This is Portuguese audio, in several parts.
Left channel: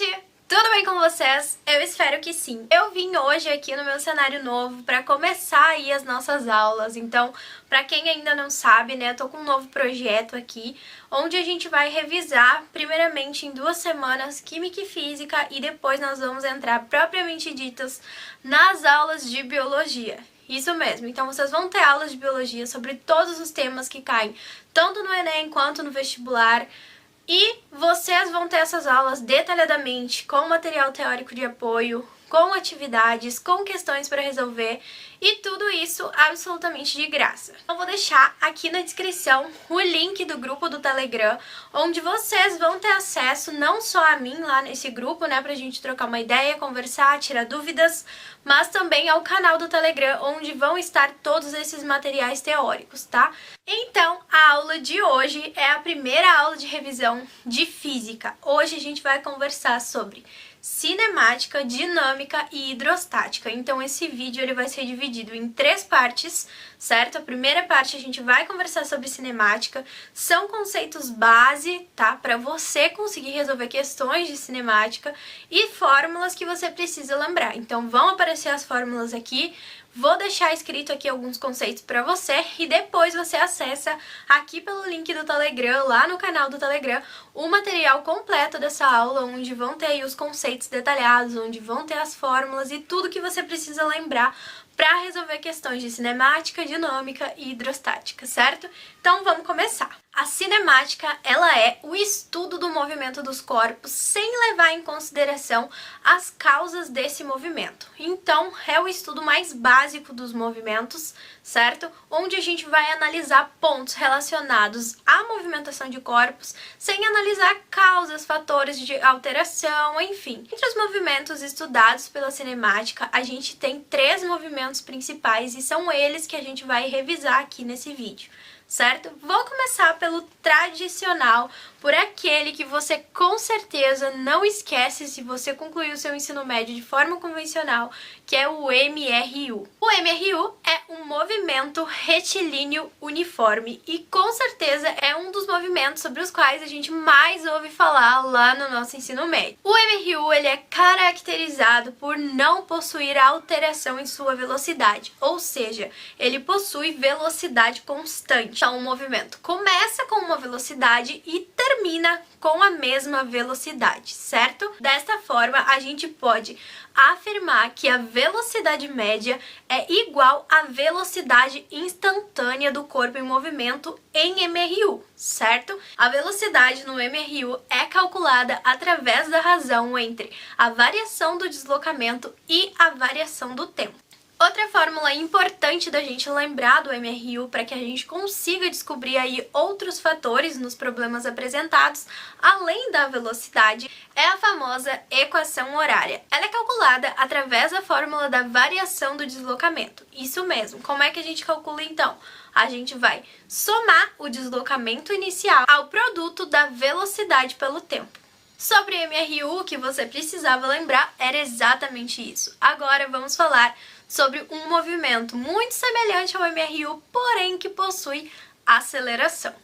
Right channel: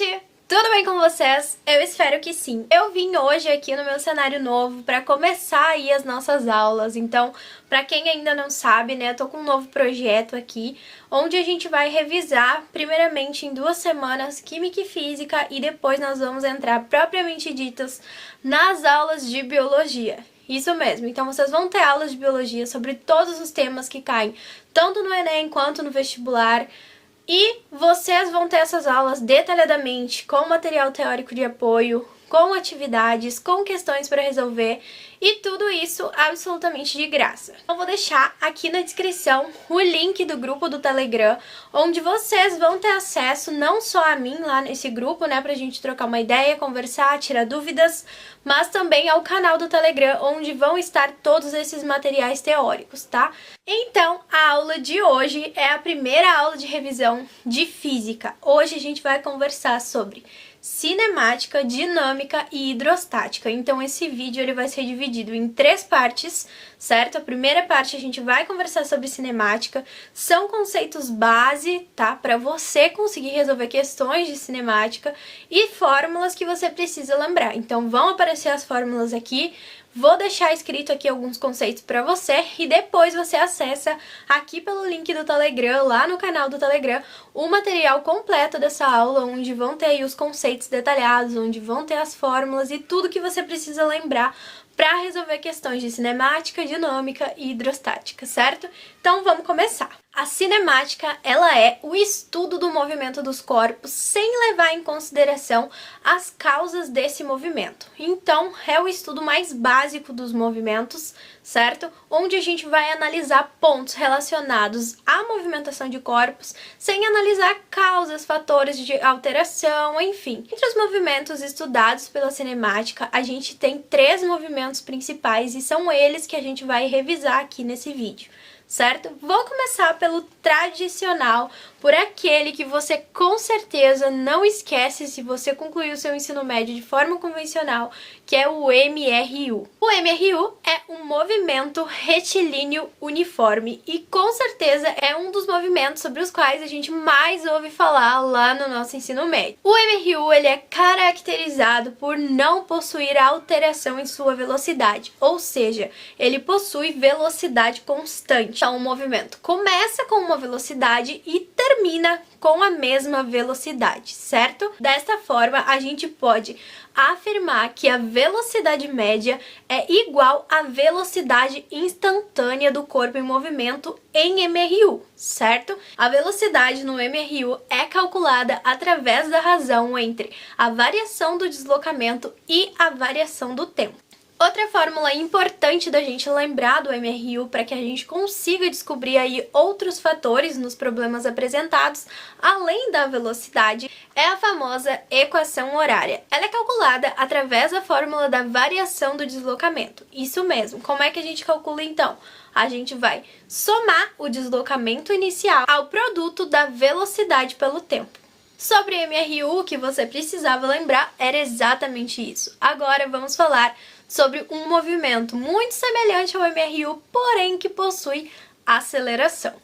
gente! Tudo bem com vocês? Eu espero que sim. Eu vim hoje aqui no meu cenário novo para começar aí as nossas aulas. Então, para quem ainda não sabe, né, eu tô com um novo projeto aqui, onde a gente vai revisar, primeiramente em 2 semanas, Química e Física, e depois nós vamos entrar propriamente ditas nas aulas de Biologia. Isso mesmo, então vocês vão ter aulas de Biologia sobre todos os temas que caem, tanto no Enem quanto no vestibular. E vocês vão ter essas aulas detalhadamente, com material teórico de apoio, com atividades, com questões para resolver e tudo isso absolutamente de graça. Eu vou deixar aqui na descrição o link do grupo do Telegram, onde vocês vão ter acesso não só a mim lá nesse grupo, né, pra gente trocar uma ideia, conversar, tirar dúvidas, mas também ao canal do Telegram, onde vão estar todos esses materiais teóricos, tá? Então, a aula de hoje é a primeira aula de revisão de Física. Hoje a gente vai conversar sobre cinemática, dinâmica e hidrostática. Então, esse vídeo ele vai ser dividido em 3 partes, certo? A primeira parte a gente vai conversar sobre cinemática, são conceitos base, tá? Para você conseguir resolver questões de cinemática e fórmulas que você precisa lembrar. Então, vão aparecer as fórmulas aqui. Vou deixar escrito aqui alguns conceitos para você e depois você acessa aqui pelo link do Telegram, lá no canal do Telegram, o material completo dessa aula, onde vão ter aí os conceitos detalhados, onde vão ter as fórmulas e tudo que você precisa lembrar para resolver questões de cinemática, dinâmica e hidrostática, certo? Então vamos começar. A cinemática, ela é o estudo do movimento dos corpos sem levar em consideração as causas desse movimento. Então, é o estudo mais básico dos movimentos, certo? Onde a gente vai analisar pontos relacionados à movimentação de corpos sem analisar causas, fatores de alteração, enfim. Entre os movimentos estudados pela cinemática, a gente tem 3 movimentos principais e são eles que a gente vai revisar aqui nesse vídeo, certo? Vou começar pelo tradicional, por aquele que você com certeza não esquece se você concluiu seu ensino médio de forma convencional, que é o MRU. O MRU é um movimento retilíneo uniforme e com certeza é um dos movimentos sobre os quais a gente mais ouve falar lá no nosso ensino médio. O MRU ele é caracterizado por não possuir alteração em sua velocidade, ou seja, ele possui velocidade constante. Então, o movimento começa com uma velocidade e termina com a mesma velocidade, certo? Desta forma, a gente pode afirmar que a velocidade média é igual à velocidade instantânea do corpo em movimento em MRU, certo? A velocidade no MRU é calculada através da razão entre a variação do deslocamento e a variação do tempo. Outra fórmula importante da gente lembrar do MRU para que a gente consiga descobrir aí outros fatores nos problemas apresentados, além da velocidade, é a famosa equação horária. Ela é calculada através da fórmula da variação do deslocamento. Isso mesmo. Como é que a gente calcula então? A gente vai somar o deslocamento inicial ao produto da velocidade pelo tempo. Sobre MRU, o que você precisava lembrar era exatamente isso. Agora vamos falar sobre um movimento muito semelhante ao MRU, porém que possui aceleração.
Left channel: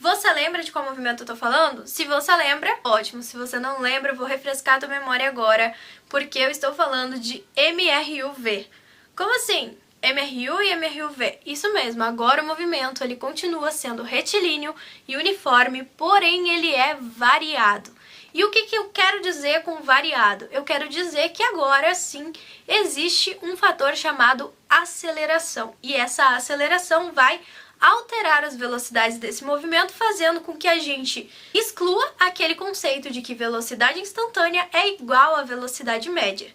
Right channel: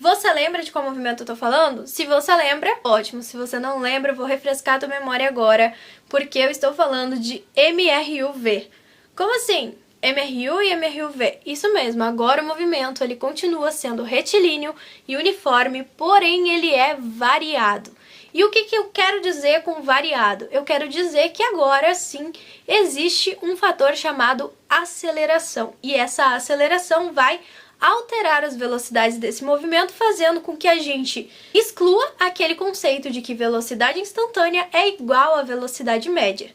Você lembra de qual movimento eu tô falando? Se você lembra, ótimo. Se você não lembra, eu vou refrescar a tua memória agora, porque eu estou falando de MRUV. Como assim? MRU e MRUV. Isso mesmo, agora o movimento ele continua sendo retilíneo e uniforme, porém ele é variado. E o que eu quero dizer com variado? Eu quero dizer que agora sim existe um fator chamado aceleração. E essa aceleração vai alterar as velocidades desse movimento, fazendo com que a gente exclua aquele conceito de que velocidade instantânea é igual à velocidade média,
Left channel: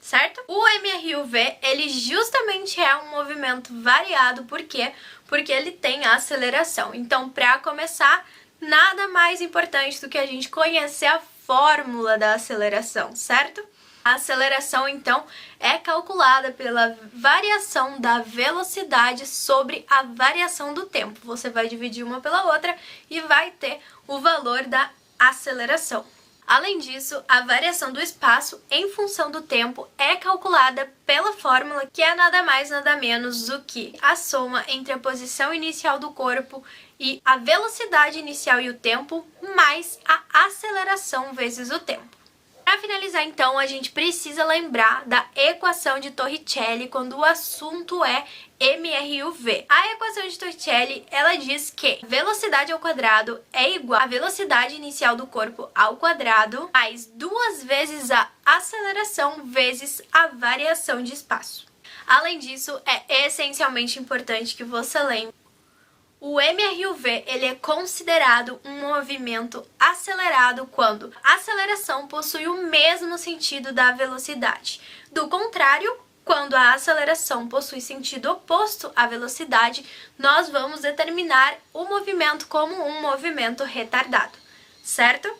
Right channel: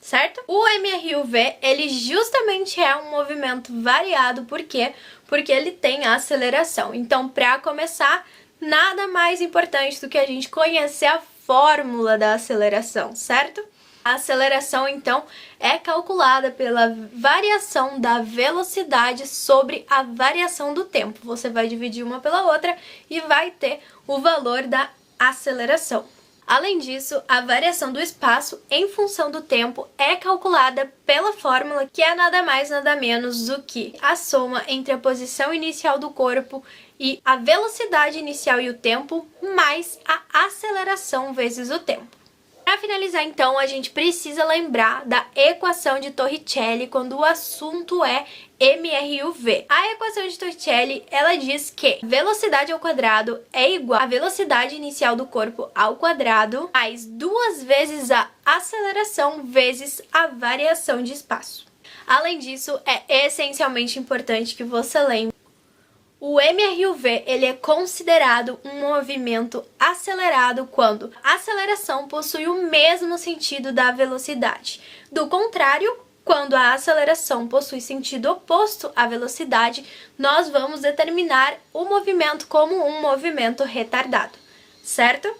certo? O MRUV, ele justamente é um movimento variado, por quê? Porque ele tem aceleração. Então, para começar, nada mais importante do que a gente conhecer a fórmula da aceleração, certo? A aceleração, então, é calculada pela variação da velocidade sobre a variação do tempo. Você vai dividir uma pela outra e vai ter o valor da aceleração. Além disso, a variação do espaço em função do tempo é calculada pela fórmula que é nada mais nada menos do que a soma entre a posição inicial do corpo e a velocidade inicial e o tempo mais a aceleração vezes o tempo. Para finalizar, então, a gente precisa lembrar da equação de Torricelli quando o assunto é mRUV. A equação de Torricelli, ela diz que velocidade ao quadrado é igual à velocidade inicial do corpo ao quadrado mais 2 vezes a aceleração vezes a variação de espaço. Além disso, é essencialmente importante que você lembre o mRUV ele é considerado um movimento acelerado quando a aceleração possui o mesmo sentido da velocidade. Do contrário, quando a aceleração possui sentido oposto à velocidade, nós vamos determinar o movimento como um movimento retardado, certo?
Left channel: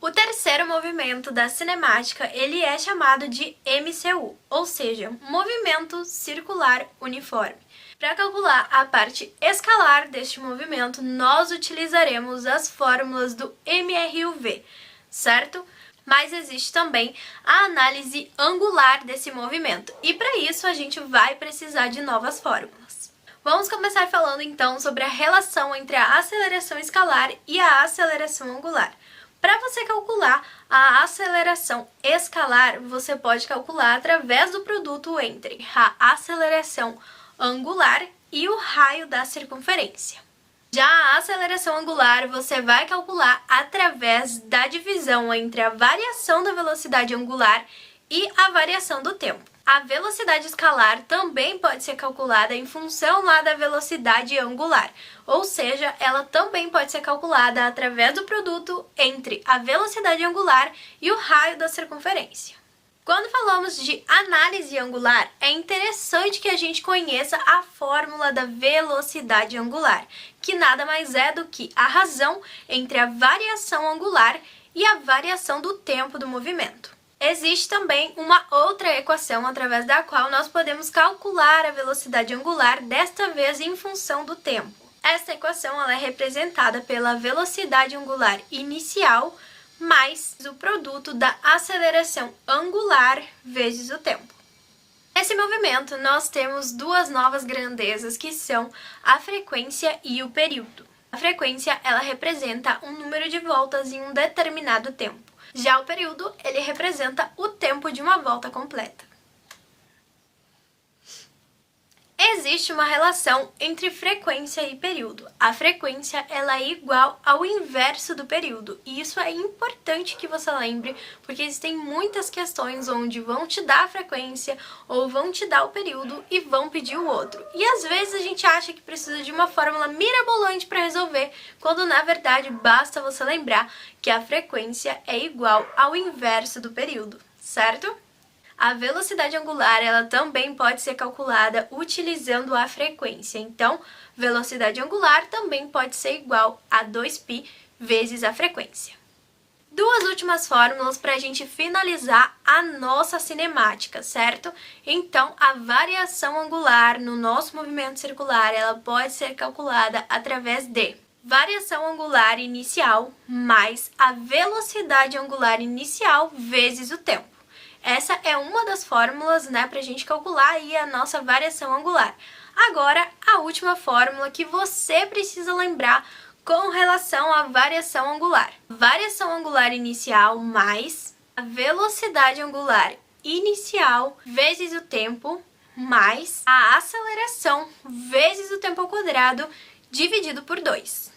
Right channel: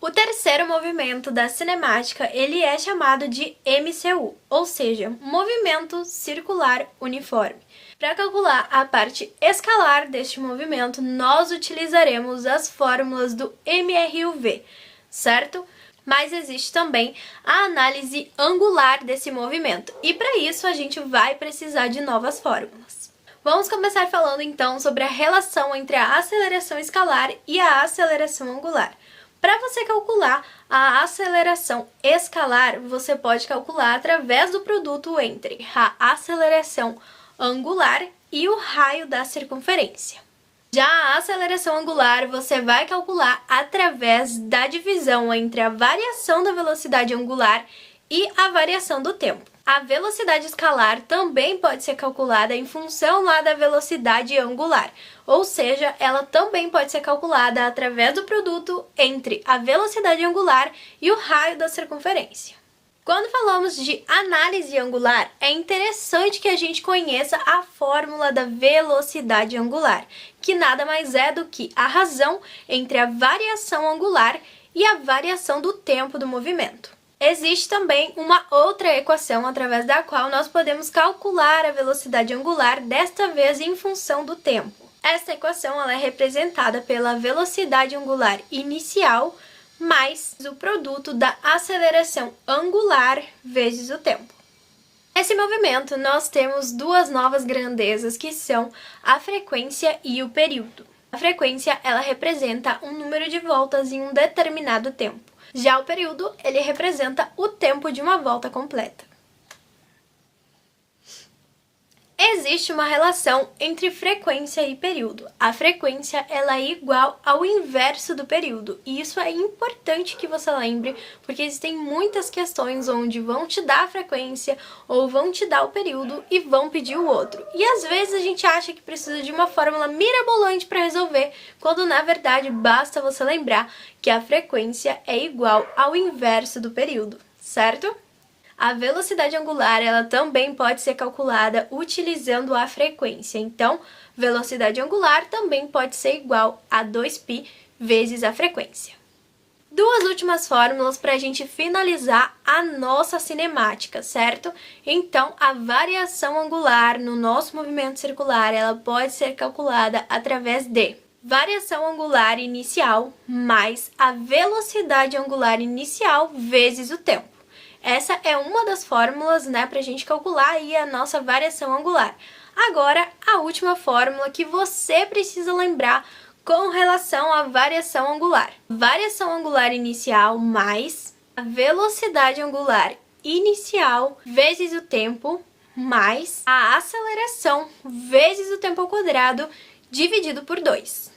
O terceiro movimento da cinemática ele é chamado de MCU, ou seja, movimento circular uniforme. Para calcular a parte escalar deste movimento, nós utilizaremos as fórmulas do mRUV, certo? Mas existe também a análise angular desse movimento, e para isso a gente vai precisar de novas fórmulas. Vamos começar falando então sobre a relação entre a aceleração escalar e a aceleração angular. Para você calcular a aceleração escalar, você pode calcular através do produto entre a aceleração angular e o raio da circunferência. Já a aceleração angular você vai calcular através da divisão entre a variação da velocidade angular e a variação do tempo. A velocidade escalar também pode ser calculada em função lá da velocidade angular, ou seja, ela também pode ser calculada através do produto entre a velocidade angular e o raio da circunferência. Quando falamos de análise angular, é interessante que a gente conheça a fórmula da velocidade angular, que nada mais é do que a razão entre a variação angular e a variação do tempo do movimento. Existe também uma outra equação através da qual nós podemos calcular a velocidade angular, desta vez em função do tempo. Esta equação ela é representada pela velocidade angular inicial mais o produto da aceleração angular vezes o tempo. Nesse movimento, nós temos duas novas grandezas que são a frequência e o período. A frequência ela representa um número de voltas em um determinado tempo. Já o período ele representa o tempo de uma volta completa. Existe uma relação entre frequência e período. A frequência ela é igual ao inverso do período. E isso é importante que você lembre, porque existem muitas questões onde vão te dar a frequência ou vão te dar o período e vão pedir o outro. E às vezes a gente acha que precisa de uma fórmula mirabolante para resolver, quando na verdade basta você lembrar que a frequência é igual ao inverso do período, certo? A velocidade angular ela também pode ser calculada utilizando a frequência. Então, velocidade angular também pode ser igual a 2π vezes a frequência. Duas últimas fórmulas para a gente finalizar a nossa cinemática, certo? Então, a variação angular no nosso movimento circular ela pode ser calculada através de variação angular inicial mais a velocidade angular inicial vezes o tempo. Essa é uma das fórmulas, para a gente calcular aí a nossa variação angular. Agora, a última fórmula que você precisa lembrar com relação à variação angular. Variação angular inicial mais a velocidade angular inicial vezes o tempo mais a aceleração vezes o tempo ao quadrado dividido por 2.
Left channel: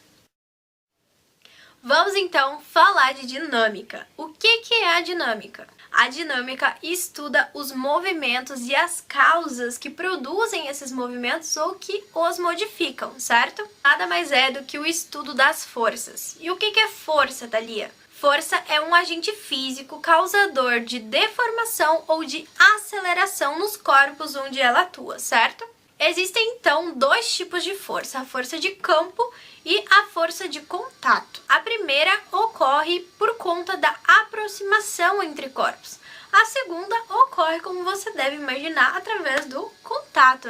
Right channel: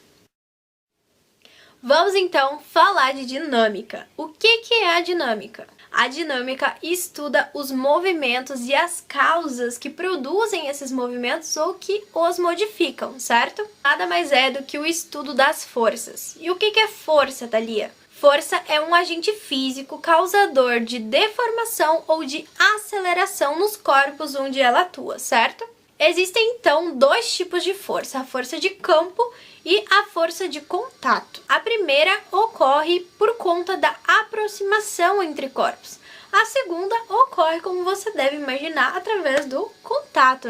Vamos então falar de dinâmica. O que é a dinâmica? A dinâmica estuda os movimentos e as causas que produzem esses movimentos ou que os modificam, certo? Nada mais é do que o estudo das forças. E o que é força, Thalia? Força é um agente físico causador de deformação ou de aceleração nos corpos onde ela atua, certo? Existem então dois tipos de força, a força de campo e a força de contato. A primeira ocorre por conta da aproximação entre corpos. A segunda ocorre, como você deve imaginar, através do contato,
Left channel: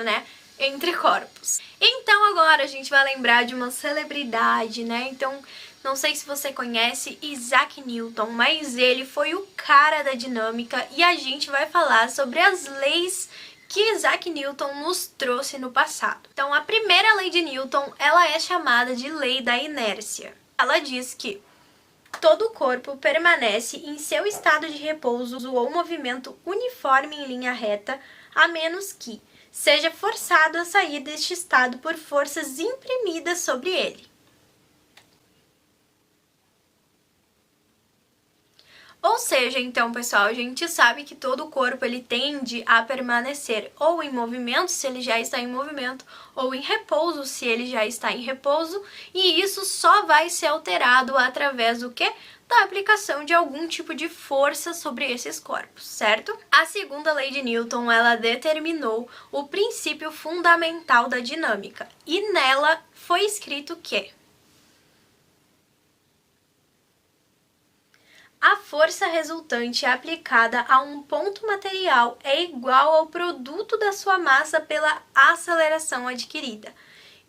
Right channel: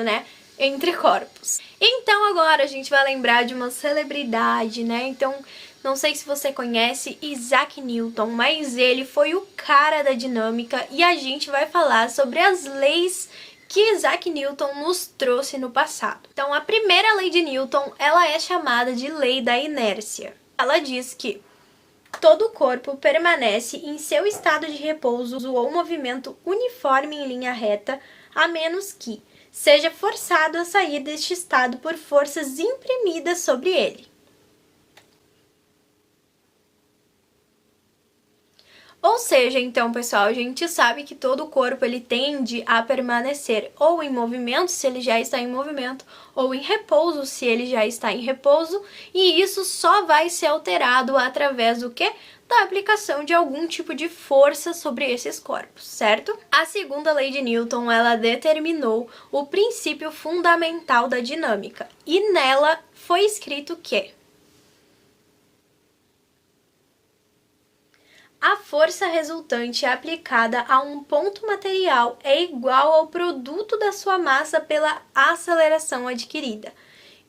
entre corpos. Então agora a gente vai lembrar de uma celebridade, Então, não sei se você conhece Isaac Newton, mas ele foi o cara da dinâmica e a gente vai falar sobre as leis que Isaac Newton nos trouxe no passado. Então, a primeira lei de Newton, ela é chamada de lei da inércia. Ela diz que todo o corpo permanece em seu estado de repouso ou movimento uniforme em linha reta, a menos que seja forçado a sair deste estado por forças imprimidas sobre ele. Ou seja, então, pessoal, a gente sabe que todo o corpo ele tende a permanecer ou em movimento, se ele já está em movimento, ou em repouso, se ele já está em repouso, e isso só vai ser alterado através do quê? Da aplicação de algum tipo de força sobre esses corpos, certo? A segunda lei de Newton, ela determinou o princípio fundamental da dinâmica, e nela foi escrito que a força resultante aplicada a um ponto material é igual ao produto da sua massa pela aceleração adquirida.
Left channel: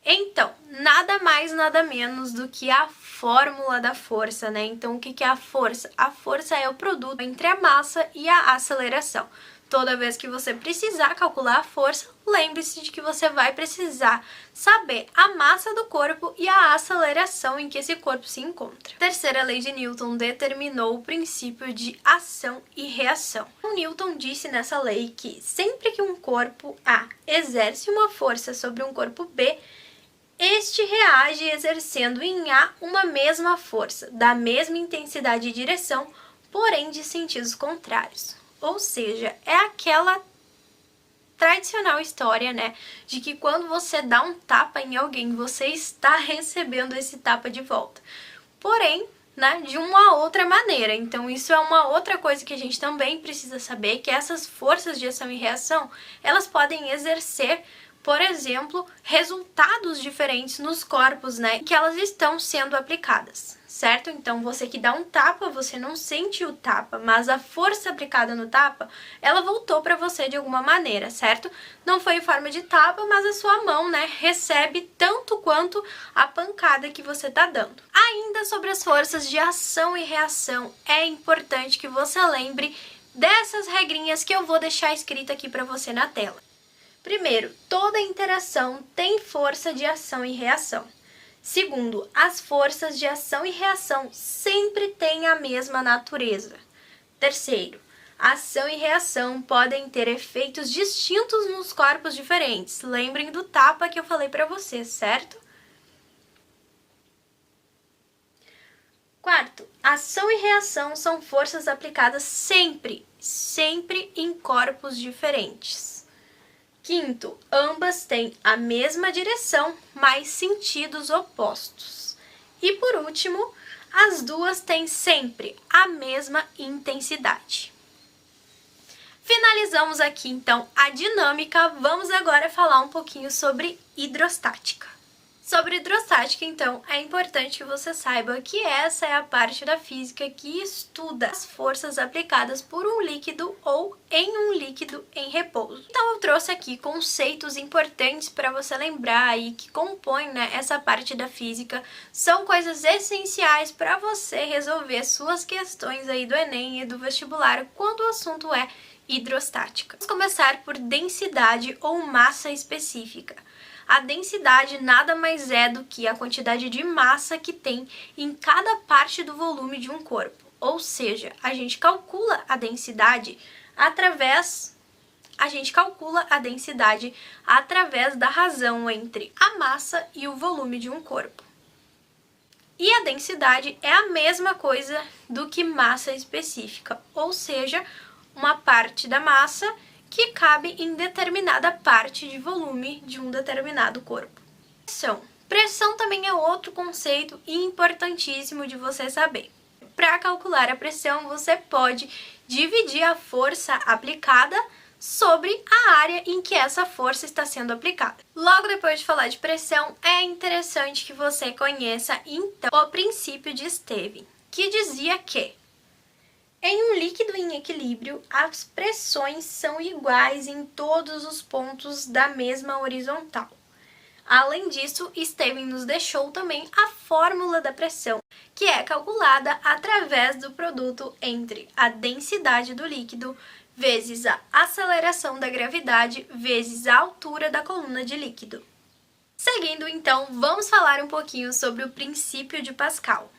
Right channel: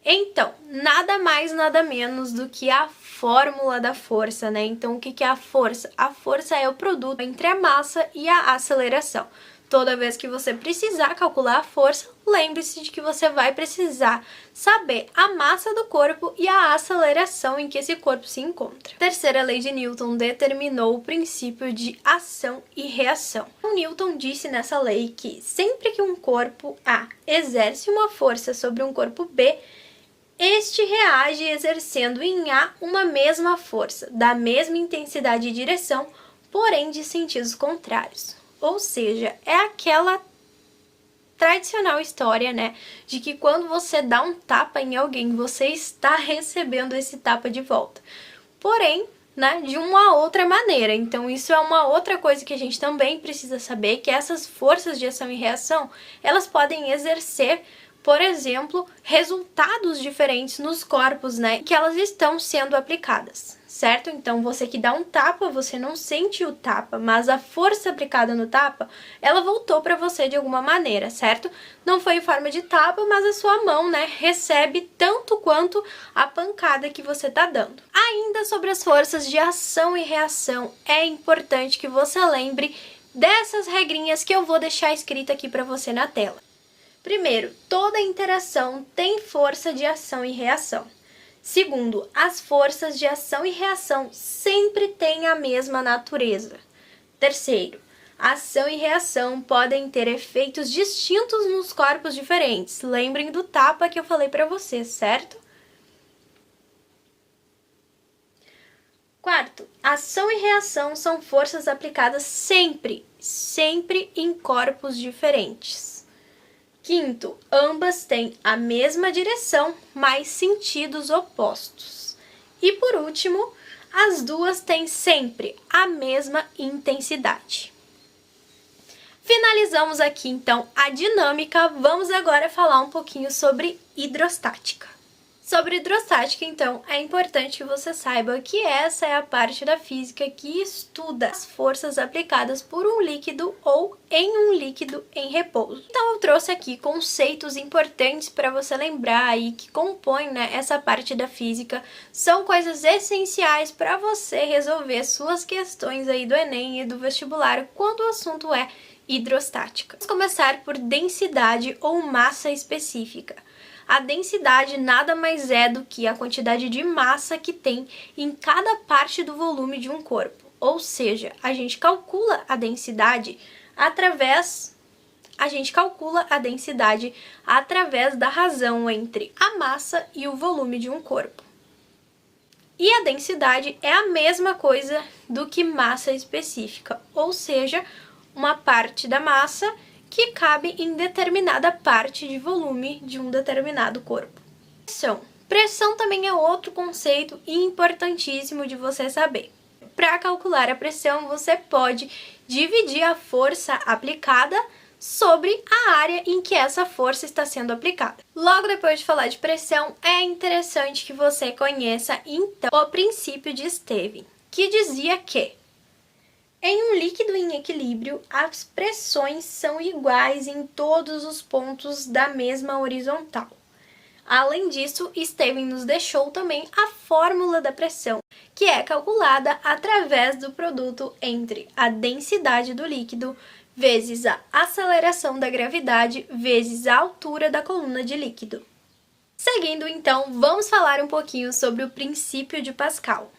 Então, nada mais, nada menos do que a fórmula da força, né? Então, o que é a força? A força é o produto entre a massa e a aceleração. Toda vez que você precisar calcular a força, lembre-se de que você vai precisar saber a massa do corpo e a aceleração em que esse corpo se encontra. A terceira lei de Newton determinou o princípio de ação e reação. Newton disse nessa lei que sempre que um corpo A exerce uma força sobre um corpo B, este reage exercendo em A uma mesma força, da mesma intensidade e direção, porém de sentidos contrários. Ou seja, é aquela tradicional história, né, de que quando você dá um tapa em alguém, você está recebendo esse tapa de volta. Porém, né, de uma outra maneira. Então, isso é uma outra coisa que a gente também precisa saber, que essas forças de ação e reação, elas podem exercer, por exemplo, resultados diferentes nos corpos, né, que elas estão sendo aplicadas, certo? Então, você que dá um tapa, você não sente o tapa, mas a força aplicada no tapa, ela voltou para você de alguma maneira, certo? Não foi em forma de tapa, mas a sua mão, né, recebe tanto quanto a pancada que você tá dando. Ainda sobre as forças de ação e reação, é importante que você lembre dessas regrinhas que eu vou deixar escrita aqui para você na tela. Primeiro, toda interação tem força de ação e reação. Segundo, as forças de ação e reação sempre têm a mesma natureza. Terceiro, ação e reação podem ter efeitos distintos nos corpos diferentes. Lembrem do tapa que eu falei para vocês, certo? Quarto, ação e reação são forças aplicadas sempre em corpos diferentes. Quinto, ambas têm a mesma direção, mas sentidos opostos. E por último, as duas têm sempre a mesma intensidade. Finalizamos aqui então a dinâmica, vamos agora falar um pouquinho sobre hidrostática. Sobre hidrostática, então, é importante que você saiba que essa é a parte da física que estuda as forças aplicadas por um líquido ou em um líquido em repouso. Então, eu trouxe aqui conceitos importantes para você lembrar aí que compõem, né, essa parte da física. São coisas essenciais para você resolver suas questões aí do Enem e do vestibular quando o assunto é hidrostática. Vamos começar por densidade ou massa específica. A densidade nada mais é do que a quantidade de massa que tem em cada parte do volume de um corpo. Ou seja, a gente calcula a densidade através da razão entre a massa e o volume de um corpo. E a densidade é a mesma coisa do que massa específica, ou seja, uma parte da massa que cabe em determinada parte de volume de um determinado corpo. Pressão. Pressão também é outro conceito importantíssimo de você saber. Para calcular a pressão, você pode dividir a força aplicada sobre a área em que essa força está sendo aplicada. Logo depois de falar de pressão, é interessante que você conheça, então, o princípio de Stevin, que dizia que em um líquido em equilíbrio, as pressões são iguais em todos os pontos da mesma horizontal. Além disso, Stevin nos deixou também a fórmula da pressão, que é calculada através do produto entre a densidade do líquido vezes a aceleração da gravidade vezes a altura da coluna de líquido. Seguindo, então, vamos falar um pouquinho sobre o princípio de Pascal.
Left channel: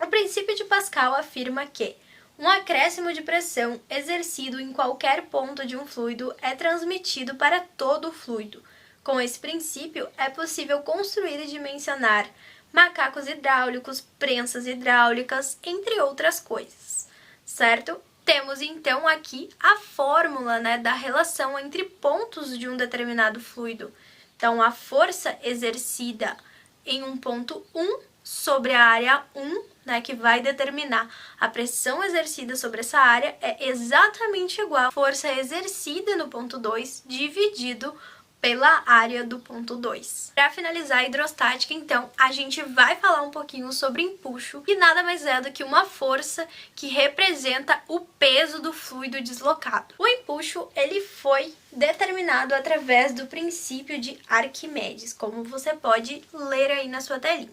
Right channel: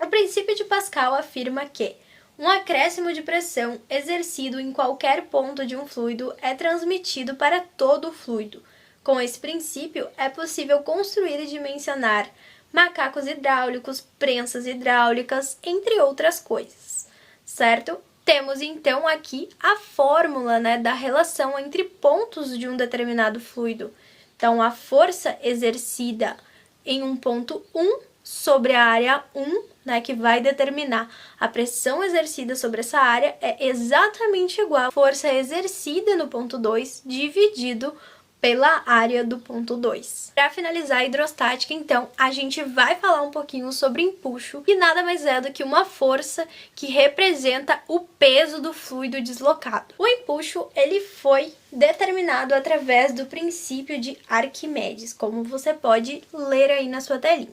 O princípio de Pascal afirma que um acréscimo de pressão exercido em qualquer ponto de um fluido é transmitido para todo o fluido. Com esse princípio, é possível construir e dimensionar macacos hidráulicos, prensas hidráulicas, entre outras coisas, certo? Temos então aqui a fórmula, da relação entre pontos de um determinado fluido. Então, a força exercida em um ponto 1 sobre a área 1, que vai determinar a pressão exercida sobre essa área, é exatamente igual à força exercida no ponto 2 dividido pela área do ponto 2. Para finalizar a hidrostática, então, a gente vai falar um pouquinho sobre empuxo, que nada mais é do que uma força que representa o peso do fluido deslocado. O empuxo, ele foi determinado através do princípio de Arquimedes, como você pode ler aí na sua telinha,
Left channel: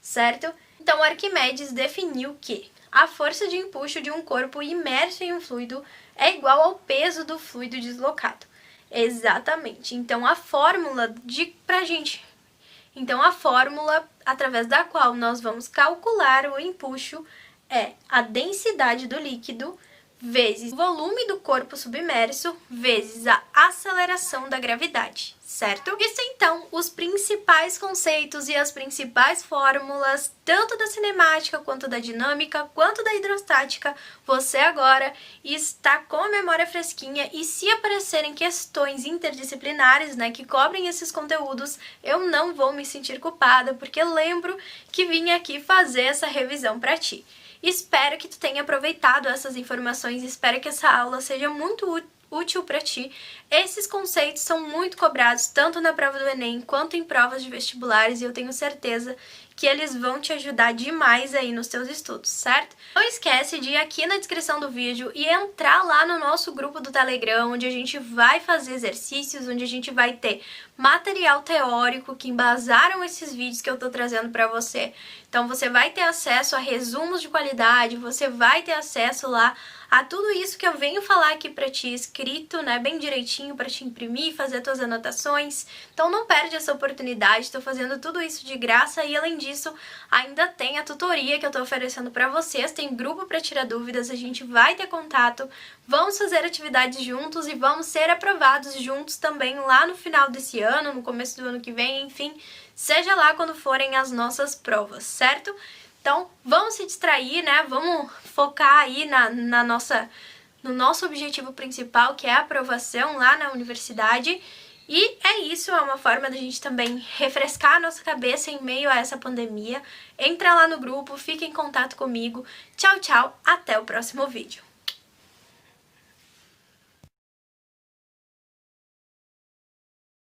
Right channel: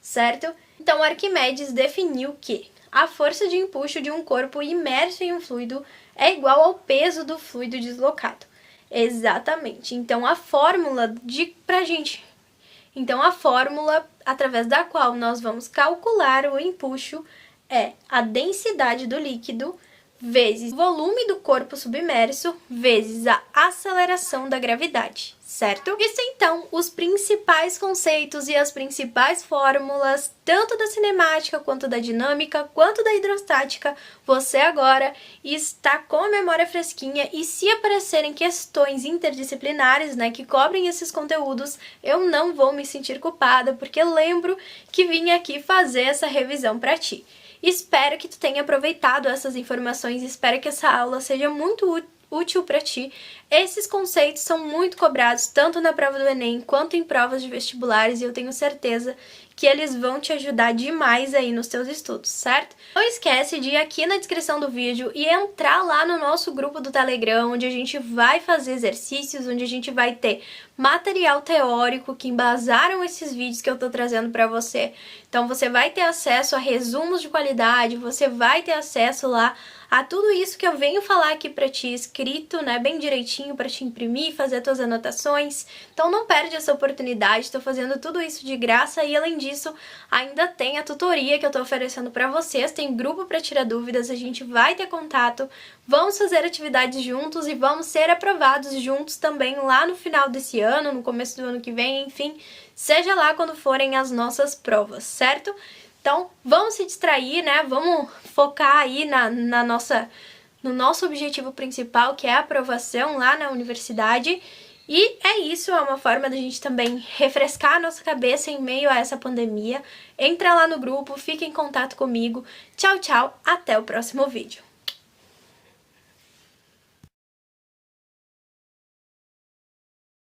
certo? Então, Arquimedes definiu que a força de empuxo de um corpo imerso em um fluido é igual ao peso do fluido deslocado. Exatamente. Então, a fórmula através da qual nós vamos calcular o empuxo é a densidade do líquido vezes o volume do corpo submerso vezes a aceleração da gravidade, certo? Isso então, os principais conceitos e as principais fórmulas, tanto da cinemática, quanto da dinâmica, quanto da hidrostática, você agora está com a memória fresquinha e se aparecerem questões interdisciplinares, que cobrem esses conteúdos, eu não vou me sentir culpada, porque lembro que vim aqui fazer essa revisão para ti. Espero que tu tenha aproveitado essas informações, espero que essa aula seja muito útil para ti. Esses conceitos são muito cobrados tanto na prova do Enem quanto em provas de vestibulares e eu tenho certeza que eles vão te ajudar demais aí nos teus estudos, certo? Não esquece de ir aqui na descrição do vídeo e entrar lá no nosso grupo do Telegram, onde a gente vai fazer exercícios, onde a gente vai ter material teórico que embasaram esses vídeos que eu tô trazendo para você. Então você vai ter acesso a resumos de qualidade, você vai ter acesso lá a tudo isso que eu venho falar aqui para ti escrito, bem direitinho para te imprimir, fazer tuas anotações. Então não perde essa oportunidade, estou fazendo tudo isso de graça e além disso ainda tem a tutoria que eu estou oferecendo para vocês, tem grupo para tirar dúvidas, a gente vai ter contato, vamos fazer atividades juntos e vamos ser aprovados juntos também lá no final desse ano, no começo do ano que vem, enfim, seja lá quando forem as nossas provas, certo? Então, vamos se distrair, Vamos focar aí no nosso objetivo principal, que é a aprovação lá na universidade. E é isso, é uma forma da gente também refrescar a nossa cabeça em meio a essa pandemia. Entra lá no grupo, fica em contato comigo. Tchau, tchau, até o próximo vídeo.